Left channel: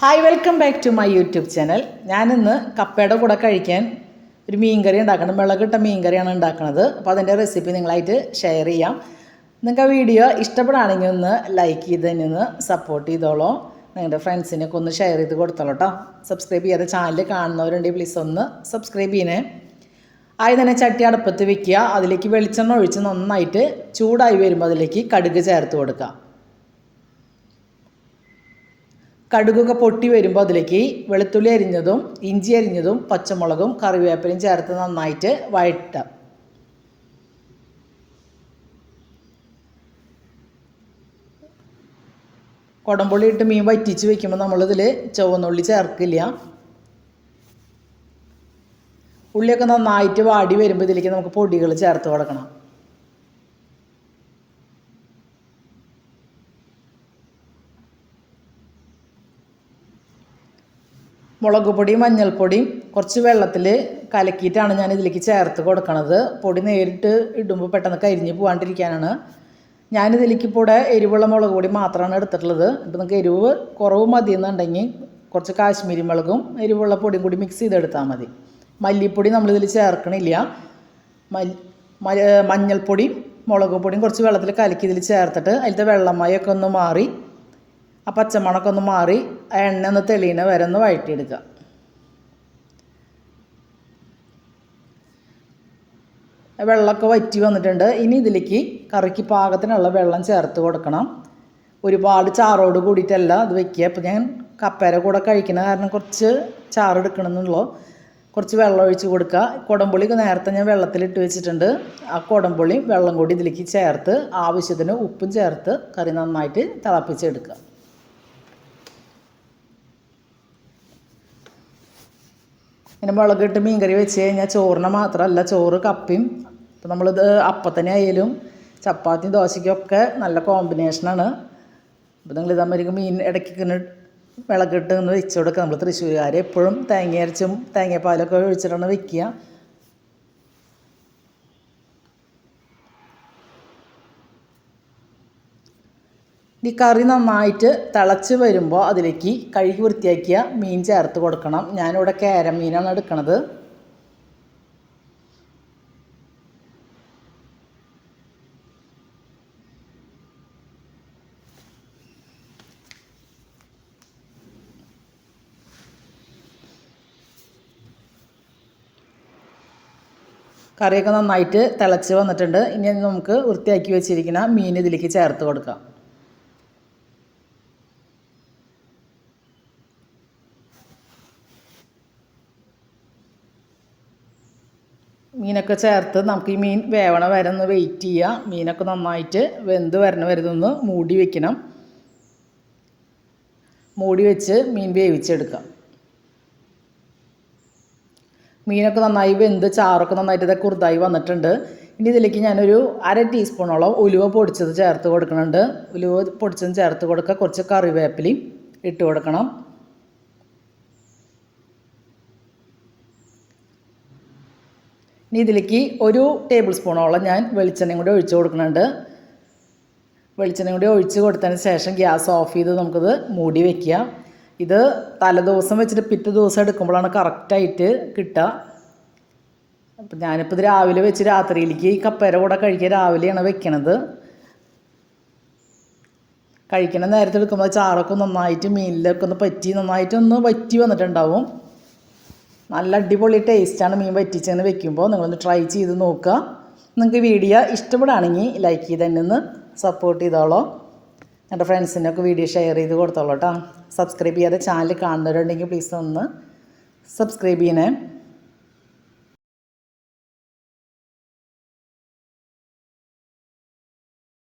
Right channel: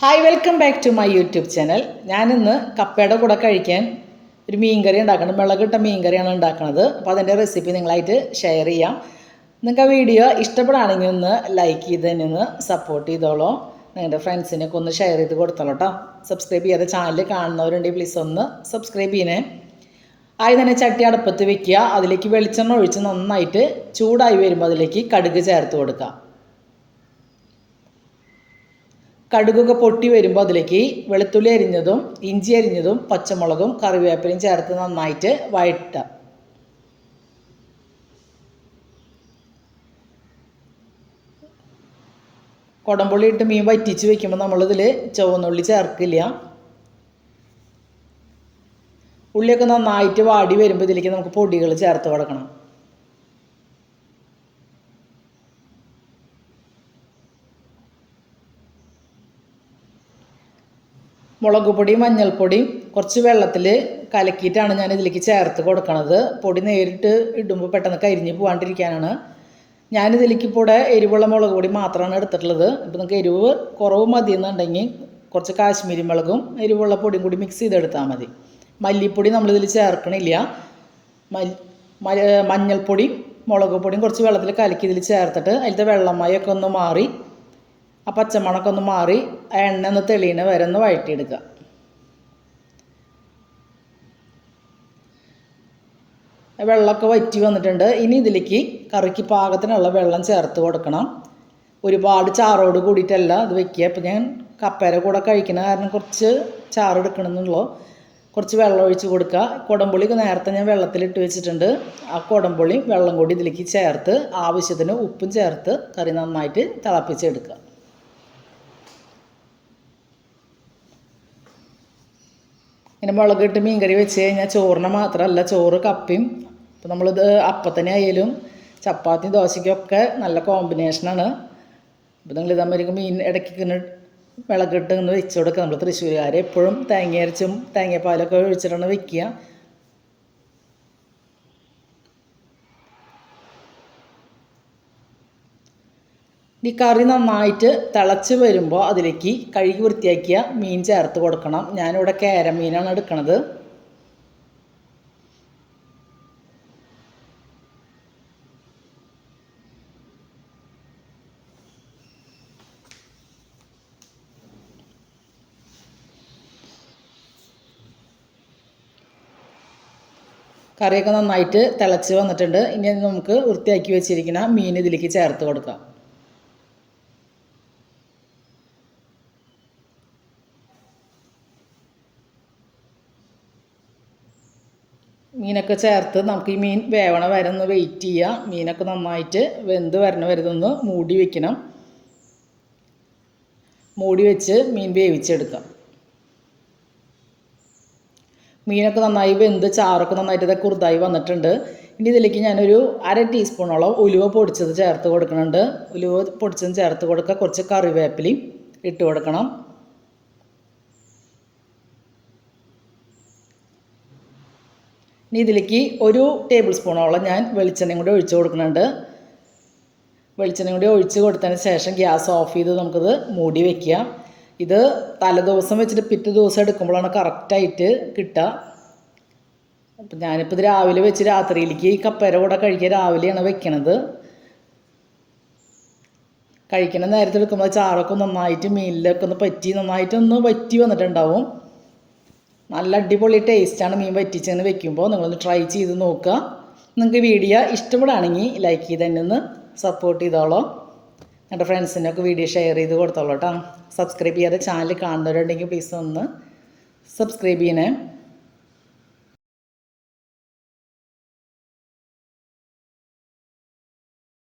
Hi, welcome back to my YouTube channel. ഞാനിന്ന് കപ്പയുടെ കൂടെ കഴിക്കാൻ ഒരു മീൻകറി ഉണ്ടാക്കണം. മുളകിട്ട മീൻകറിയാണ് ഉണ്ടാക്കുന്നത്. അപ്പോൾ അതിൻ്റെ റെസിപ്പി നിങ്ങളായിട്ട് ഷെയർ ചെയ്യാം. നിങ്ങൾക്ക് ആ വീഡിയോ ഇഷ്ടപ്പെടുകയാണെങ്കിൽ ഒന്ന് ലൈക്ക് ചെയ്ത് തന്നെ ഒന്ന് സപ്പോർട്ട് ചെയ്തോളൂ. നിങ്ങളുടെ ഫ്രണ്ട്സിനൊക്കെ ഒന്ന് ഷെയർ ചെയ്ത് കൊടുത്തോളൂ കേട്ടോ. സബ്സ്ക്രൈബ് ചെയ്യാതെ ചാനൽ കാണുന്നവരുണ്ടെങ്കിൽ പ്ലീസ് ഒന്ന് സബ്സ്ക്രൈബ് ചെയ്യണേ. ആദ്യം തന്നെ ചട്ടി അടുപ്പത്ത് വെക്കുക. അതിലേക്ക് വെളിച്ചെണ്ണ ഒഴിച്ച് നന്നായിട്ട് ചൂടായി വരുമ്പോൾ അതിലേക്ക് കടുക് ചേർത്ത് കൊടുക്കുക. കടുകൊക്കെ പൊട്ടി വരുമ്പോൾ അതിലേക്ക് വെളുത്തുള്ളി അരിഞ്ഞതും ഇഞ്ചി അരിഞ്ഞതും പച്ചമുളകും കറിവേപ്പിലയും ചേർത്ത് നന്നായിട്ട് വഴറ്റുക. കുടംപുളി ഇട്ട് മീൻ വറ്റിച്ച് വെക്കുമ്പോൾ നമ്മളിതിൽ ചുവന്നുള്ളി ചേർക്കില്ല. ഉള്ളിയൊക്കെ നന്നായിട്ട് വാടി വരുമ്പോൾ ഇതിലേക്ക് നമുക്ക് പൊടികൾ ചേർത്ത് കൊടുക്കണം. മുളക് പൊടിയും മഞ്ഞൾപ്പൊടിയും കുറച്ച് വെള്ളത്തിൽ കലക്കിയിട്ടാണ് ഞാൻ ഇതിലേക്ക് ചേർത്ത് കൊടുക്കണത്. പൊടി നേരിട്ട് ഇടുമ്പോൾ പെട്ടെന്ന് കരിഞ്ഞ് പോകാണ്ടിരിക്കാനാണ്. ഞാനിതിലേക്ക് ഇപ്പോൾ എരിവുള്ള മുളക് പൊടി മാത്രമാണ് എടുത്തിട്ടുള്ളത്. ഇപ്പോൾ നിങ്ങൾക്ക് എരിവ് കുറവ് മതി എന്നുണ്ടെങ്കിൽ കുറച്ച് കാശ്മീരി മുളകും എരിവുള്ള പൊടിയും കൂടി മിക്സ് ചെയ്തെടുത്താൽ മതി. മല്ലിപ്പൊടി നമ്മളിതിൽ ചേർക്കണില്ല. മഞ്ഞൾപ്പൊടി മുളക് പൊടിയും കുറച്ച് വെള്ളത്തിൽ കലക്കി ഇതിൽ ചേർത്തിട്ട് അതിലത്തെ വെള്ളമയൊക്കെ ഒന്ന് മാറി ആ പച്ചമണമൊക്കെ ഒന്ന് മാറി എണ്ണ ഒന്ന് തെളിയണ വരെ ഒന്ന് വഴറ്റിയെടുക്കുക. വെള്ളമൊക്കെ വറ്റി വന്നിട്ടുണ്ട്. ഇനി ഇതിലേക്ക് കറിക്ക് പാകത്തിനുള്ള വെള്ളം ചേർത്ത് കൊടുക്കണം. ഒരുപാട് ചാറോട് കൂടിയിട്ടല്ല ഇത് വെക്കുക. അപ്പോൾ ഞാൻ കപ്പേരെ കൂടെ കഴിക്കുന്ന കാരണം കുറച്ച് ചാറ് എടുക്കണമെന്നുള്ളൂ. കുറച്ച് വെള്ളം ഒഴിച്ച് കൊടുക്കുക. കുടംപുളിയൊക്കെ നേരത്തെ ഞാൻ വെള്ളത്തിലിട്ട് വെച്ചിട്ടുണ്ട്. ആ കുടംപുളി വെള്ളം കൂടി ഇതിലേക്ക് ചേർത്ത് ആവശ്യത്തിന് ഉപ്പും ചേർത്ത് കറി നന്നായിട്ട് തിളപ്പിച്ചെടുക്കുക. ഇങ്ങനെ മുളകിട്ട് മീൻകറി വെച്ച് കഴിഞ്ഞാൽ ചോറിന് മാത്രമല്ല, ചോറ് കപ്പയും അപ്പോൾ നമ്മളിത് അപ്പത്തന്നെ ആയാലും ചപ്പാത്തി ദോശയ്ക്കൊക്കെ നല്ല കോമ്പിനേഷനാണ്. അപ്പോൾ നിങ്ങൾ ഇതാകുമ്പോൾ മീൻ ഇടയ്ക്ക് വിളകിട്ട് ഒന്ന് വെച്ച് കൊടുക്കുക. നമ്മൾ തൃശ്ശൂരുകാർ എപ്പോഴും തേങ്ങ അരച്ചും തേങ്ങാപ്പാലൊക്കെ ഒഴിച്ചിട്ടാണ് വെക്കുക. ഈ കറി നന്നായിട്ട് തിളച്ച് വരുമ്പോൾ അതിലേക്ക് കഴുകി വൃത്തിയാക്കിയ മീൻ ചേർത്ത് കൊടുക്കണം. ഞാനിവിടെ കേര മീനാണ് എടുക്കണത്. കറിയൊക്കെ നന്നായിട്ട് തിളച്ച് വന്നിട്ടുണ്ട്. ഇനി നമുക്ക് വൃത്തിയാക്കി വെച്ചിരിക്കുന്ന മീൻ ഇതിലേക്ക് ചേർത്ത് കൊടുക്കാം. മീനൊക്കെ ചേർത്ത് നമുക്ക് ഈ മീൻ വേവണ വരെ ഒന്ന് വെയിറ്റ് ചെയ്യുക. മീനൊക്കെ നന്നായിട്ട് വെന്ത് വരണ വരെ ഒന്ന് മൂടി വയ്ക്കണം. മൂടി വെച്ച് മീൻ വേവിച്ചെടുക്കാം. മീനൊക്കെ നന്നായി വെന്ത് ചാറൊക്കെ നന്നായിട്ട് ഇതൊക്കെ കുറുതായി വന്നിട്ടുണ്ട്. ഇനി ഇതിലേക്ക് ഞാനൊരു 1/2 ടീസ്പൂണോളം ഉലുവ പൊടിച്ചത് ചേർത്ത് കൊടുക്കുന്നുണ്ട്. ഉലുവ പൊടിച്ചത് ചേർത്ത് കൊടുക്കുക. കുറച്ച് കറിവേപ്പിലയും ഇട്ട് കൊടുക്കണം. ഇനി ഇതിലേക്ക് 1 ടേബിൾ സ്പൂണോളം ഞാൻ വെളിച്ചെണ്ണയും കൂടി ഒഴിച്ച് കൊടുക്കുന്നുണ്ട്. വെളിച്ചെണ്ണയും കൂടി ഒഴിച്ച് കൊടുത്തതിന് ശേഷം ഗ്യാസ് ഓഫ് ചെയ്ത് നമുക്കിത് മൂടി വയ്ക്കുക. ഇത് തലേദിവസം വെച്ചിട്ട് പിറ്റേ ദിവസം എടുക്കുമ്പോഴാണ് കറക്റ്റായിട്ട് കിട്ടുക. അപ്പം ഞാനിപ്പോൾ ഇത് രാവിലെ വെച്ച് രാത്രിയിലേക്ക് കപ്പേരെ കൂടെ കഴിക്കാൻ രാവിലെയാണ് വെക്കണത്. കഴിക്കണ നേരത്തെ എടുക്കുമ്പോൾ ചാറൊക്കെ നന്നായിട്ട് മീനിലൊക്കെ ഒന്ന് പറ്റി നന്നായിട്ടൊന്ന് വറ്റി വന്നിട്ടുണ്ടാവും. നല്ല അടിപൊളി ടേസ്റ്റാണ് മീൻ വറ്റിച്ചെന്ന് വെക്കുമ്പോൾ. നിങ്ങളൊന്ന് ട്രൈ ചെയ്ത് നോക്കുക. നിങ്ങൾക്ക് വീഡിയോ ഇഷ്ടപ്പെടുകയാണെങ്കിൽ ലൈക്ക് ചെയ്ത് തന്നെ ഒന്ന് സപ്പോർട്ട് ചെയ്തോളൂ. എൻ്റെ ഫ്രണ്ട്സിനൊക്കെ വീഡിയോ ഷെയർ ചെയ്ത് കൊടുത്തോളൂ കേട്ടോ. സബ്സ്ക്രൈബ് ചെയ്യാതെ ചാനൽ കാണുന്നവരുണ്ടെങ്കിൽ പ്ലീസ് ഒന്ന് സബ്സ്ക്രൈബ് ചെയ്യണേ.